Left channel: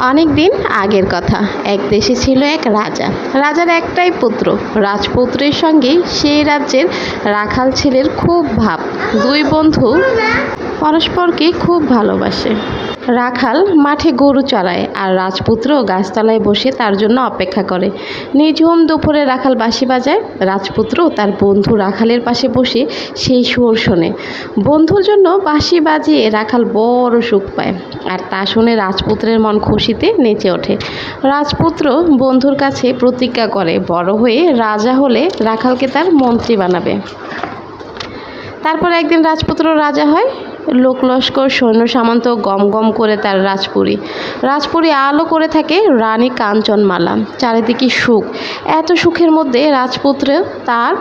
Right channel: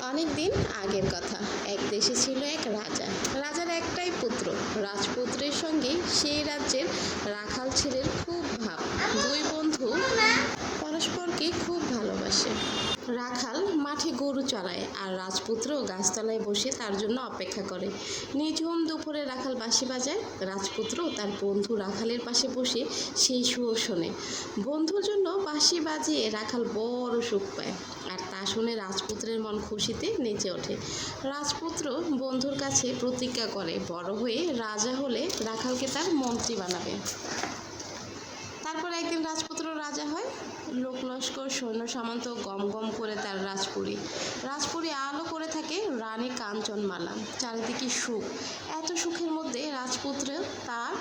অনেক দিন আগের কথা। এক দেশে ছিল এক রাজা। রাজার একটাই পুত্র। রাজপুত্রের সঙ্গে সেই রাজ্যের রাখাল ছেলের খুব ভাব। দুই বন্ধু পরস্পরকে খুব ভালোবাসে। রাখাল মাঠে গরু চড়ায় আর রাজপুত্র গাছতলায় বসে তার জন্য অপেক্ষা করে। নিঝুম দুপুরে রাখাল বাঁশি বাজায়। রাজপুত্র তার বন্ধু রাখালের পাশে বসে সেই সুর শোনে। বন্ধুর জন্য বাঁশি বাজিয়ে রাখাল বড় সুখ পায় আর তা শুনে রাজপুত্রের মন খুশিতে নেচে ওঠে। রাজপুত্র বন্ধুর কাছে প্রতিজ্ঞা করে, বড় হয়ে রাজা হলে রাখালকে তার মন্ত্রী বানাবে। তারপর একদিন রাজপুত্র রাজা হয়। লোক লস্কর সৈন্য সামন্ত গম গম করে তার রাজপুরী। রাজপুরী আলো করে থাকে রানী কাঞ্চনমালা, চারিদিকে সুখ। এত সুখের মধ্যে রাজপুত্র তার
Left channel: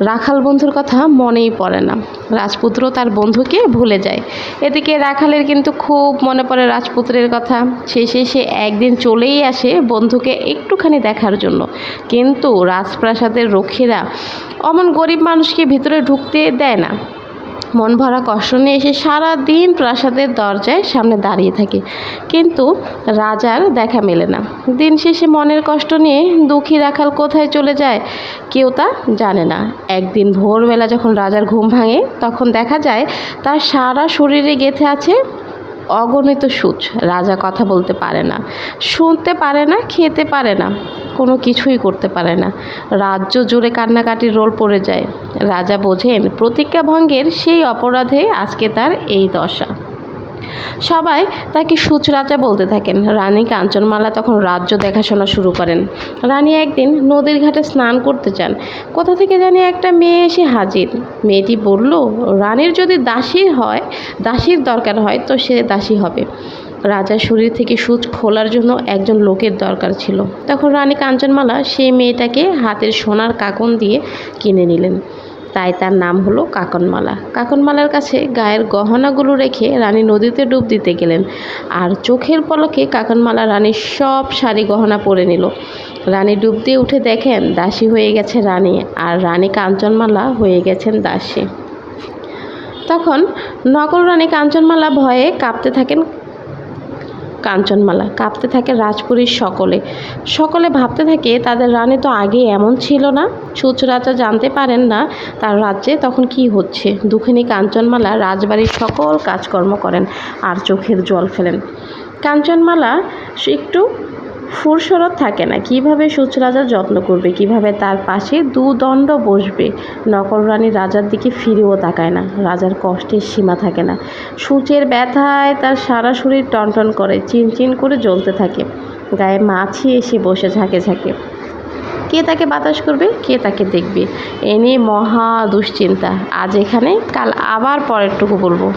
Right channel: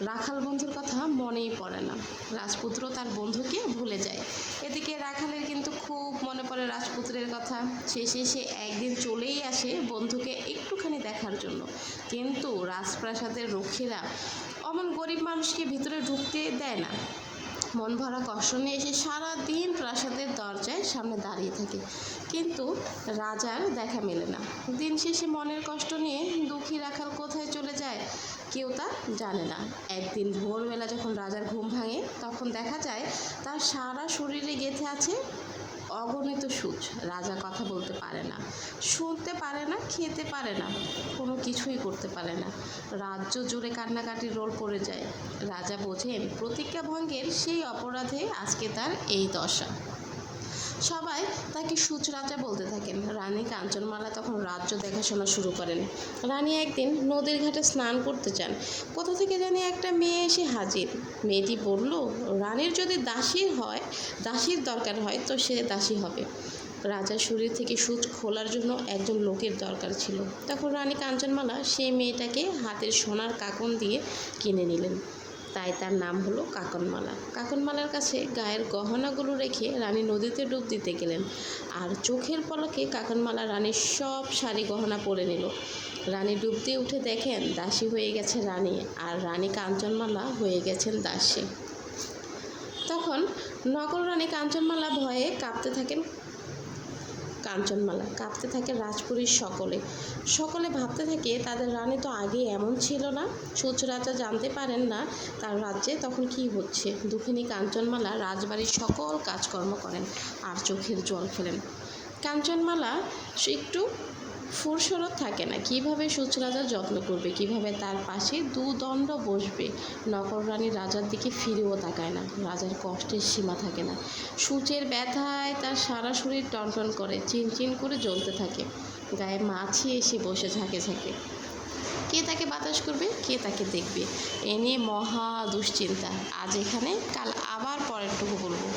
রাখাল বন্ধুর কথা মনেই পড়ে না। রাজপুত্র তার বন্ধুকে ভুলে যায়। এদিকে রাখালের কিন্তু খুব মনে পড়ে রাজপুত্রের কথা। শেষে সে একদিন চলেই আসে বন্ধুকে একটুখানি দেখার জন্য। কিন্তু রাজপ্রাসাদের রক্ষীরা অমন গরিব মানুষকে ভিতরে ঢুকতে দেয় না। মন ভরা কষ্ট নিয়ে এসে সারাদিন প্রাসাদের দরজায় সামনে দাঁড়িয়ে থাকে। কিন্তু রাজার দেখা মেলে না। দিন শেষে মনের কষ্ট নিয়ে দুঃখী রাখাল কোথায় চলে যায় কেউ তা জানে না। একদিন ভোরবেলা যখন রাজার ঘুম ভাঙে, তখন দেখা যায় তার সারা শরীরে গেথে আছে অগণিত সুচ। রাজা কথা বলতে পারে না। শুনতে পারে না, খেতে পারে না। কোনো কিছুই করতে পারে না। রাজ্য জুড়ে কান্নাকাটির রোল পড়ে যায়। রাজা বোঝেন প্রতিজ্ঞা ভঙ্গের সেই অপরাধে আজকে তার এই দশা। সবাই তাকে সুচ রাজা বলতে থাকেন। রানী কাঞ্চনমালা তখন রাজ্য দেখাশোনা শুরু করেন। রানী একদিন নদীর ঘাটে স্নান করতে চান কোথা থেকে জানি একটা মেয়ে এসে হাজির। মেয়েটি বলল, রানীর যদি দাসীর হয়, দাসীর দরকার হয়, তো সে দাসী হবে। রাজার শরীর থেকে সূচ খোলার জন্য একজন লোকের দরকার ছিল। তখন রানী কাঞ্চনমালা সেই মেয়েটাকে হাতের সোনার কাকন দিয়ে কিনে নিলেন। তাই তার নাম হলো কাকনমালা। কাকনমালার কাছে গায়ের গহনাগুলো রেখে রানী নদীতে ডুব দিতে গেলেন। আর চোখের পলকে কাকনমালা রানীর সব শাড়ি গহনা পরে নিল। রানী ডুব দিয়ে উঠে দেখেন দাসী হয়ে গেছে রানী আর রানী কাঞ্চনমালা হয়ে গেছেন দাসী। তখন নকল রানী কাঞ্চনমালা ভয়ে কাঁপতে থাকেন কাঞ্চনমালা। কাঁপতে থাকে রাজপুরীর সকলে। সকলে ভাবতে থাকে, তাদের রানে তো আগে এমন ছিল না। সুচ জানতে পারেন না তার রাজ্যে তখন কি হচ্ছে। দুঃখিনী কাঞ্চনমালা রাজবাড়ির সকল কাজকর্ম করেন আর চোখের জল ফেলেন। কাঞ্চনমালা একটু ফুরসরত থাকে না। কীভাবে সুচ রাজা যত্ন করবে? কীভাবে তার পাশে দুদণ্ড বসবে? নকল রানী রাজার দিকে ফিরেও তাকায় না। রাজার কষ্টের সীমা থাকে না। সূচের ব্যথায় তার সারা শরীর টনটন করে, চিনচিন করে জ্বলতে থাকে। গায়ে মাছি এসে বসে ঝাঁকে ঝাঁকে। কে তাকে বাতাস করবে? কে তাকে দেখবে? এ নিয়ে মহা দুশ্চিন্তা। আজ এখানে, কাল আবার পরেরটুকু বলব।